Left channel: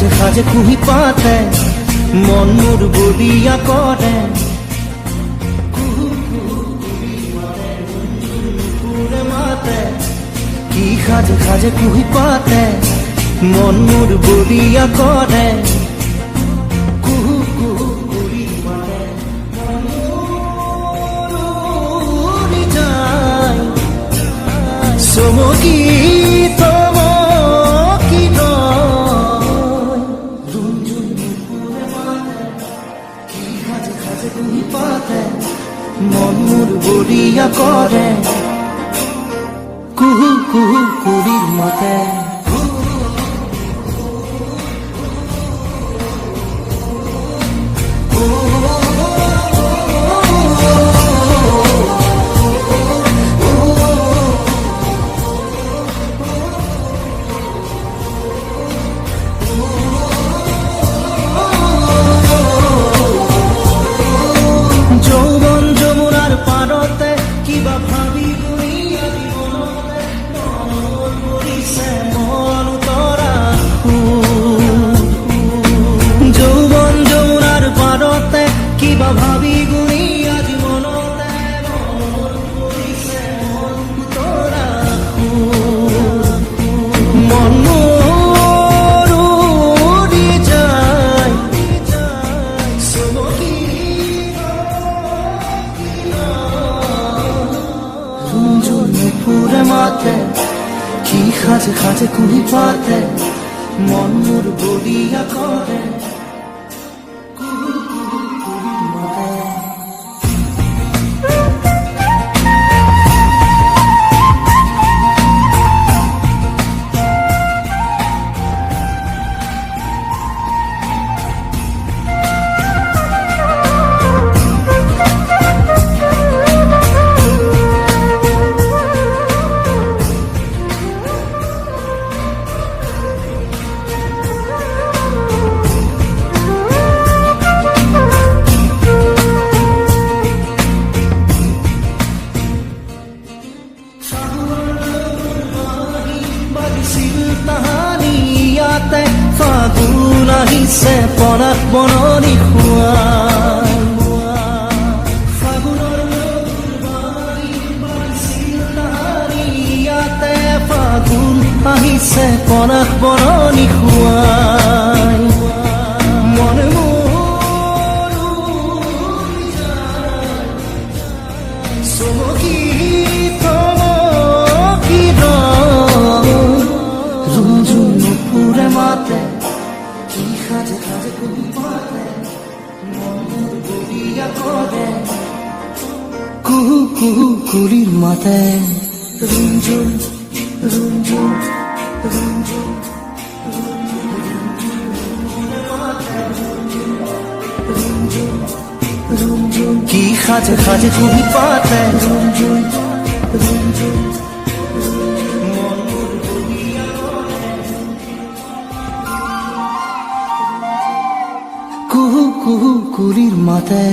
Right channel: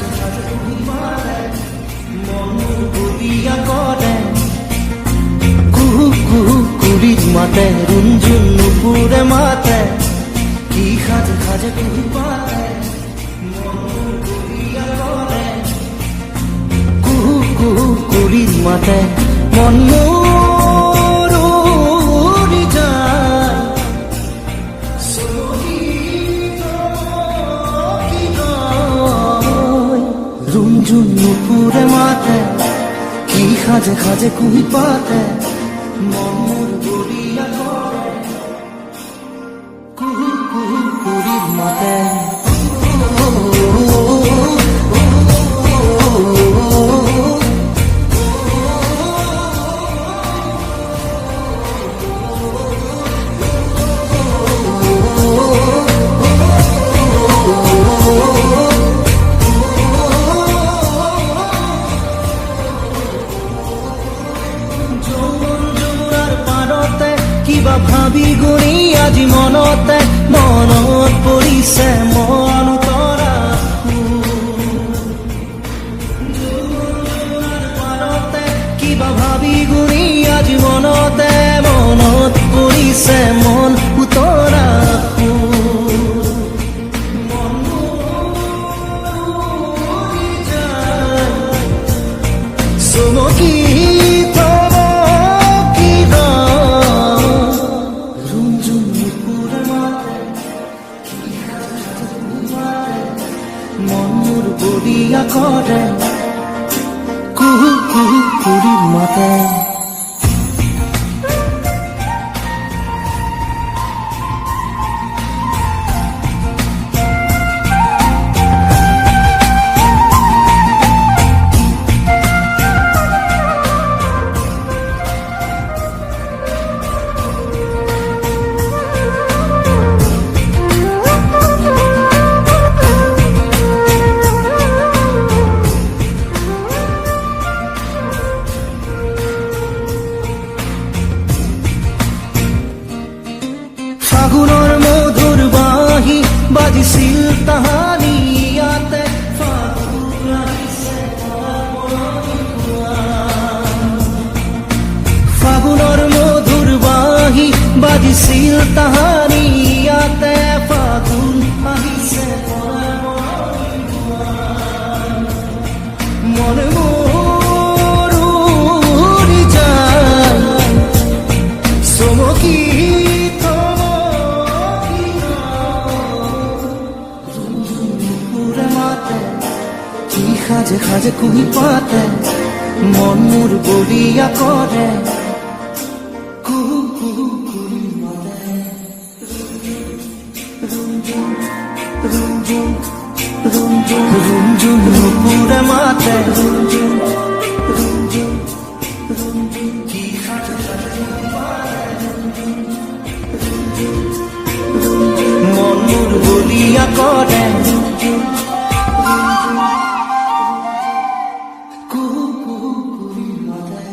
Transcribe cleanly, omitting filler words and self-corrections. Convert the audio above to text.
সাজে সাজে কুহি পাতে মন মোৰ বলিয়া কৰে কুহু কুহু কুলিৰ মাতে ৰুণজুণ নুপুৰে মাতে কি সাজে সাজে কুহি পাতে মন মোৰ বলিয়া কৰে কুহু কুহু কুলিৰ মাতে মন মোৰ উৰি যায় চমকি চমকি ৰয় ৰুণজুণ নুপুৰে মাতে কি সাজে সাজে কুহি পাতে মন মোৰ বলিয়া কৰে কুহু কুহু কুলিৰ মাতে কিবা ভাবি গুণি আজি মনতে মনত পৰিছে মন তৰা যৌৱন যমুনাৰ পাৰতে কিবা ভাবি গুণি আজি মনতে মনত পৰিছে মন উতৰা মন মোৰ উৰি যায় চমকি মাতে কি সাজে সাজে কুহি পাতে মন মোৰ বলিয়া কৰে কুহু কুহু কুলিৰ মাতে ফাগুনৰ মধুৰ বাঁহী বাজিছিল তাহানি ইয়াতে ফাগুন আহিছে পনাস বননি খুৱাই ফাগুনৰ মধুৰ বাঁহী বাজিছিল তাহানি ইয়াতে ফাগুন আহিছে পনাস বননি খুৱাই মন মোৰ উৰি যায় চমকি কি সাজে সাজে কুহি পাতে মন মোৰ বলিয়া কৰে কুহু কুহু কুলিৰ মাতে ৰুণজুণ ৰুণজুণ ৰুণজুণ ৰুণজুণ নুপুৰে মাতে কি সাজে সাজে কুহি পাতে মন মোৰ বলিয়া কৰে কুহু কুহু কুলিৰ মাতে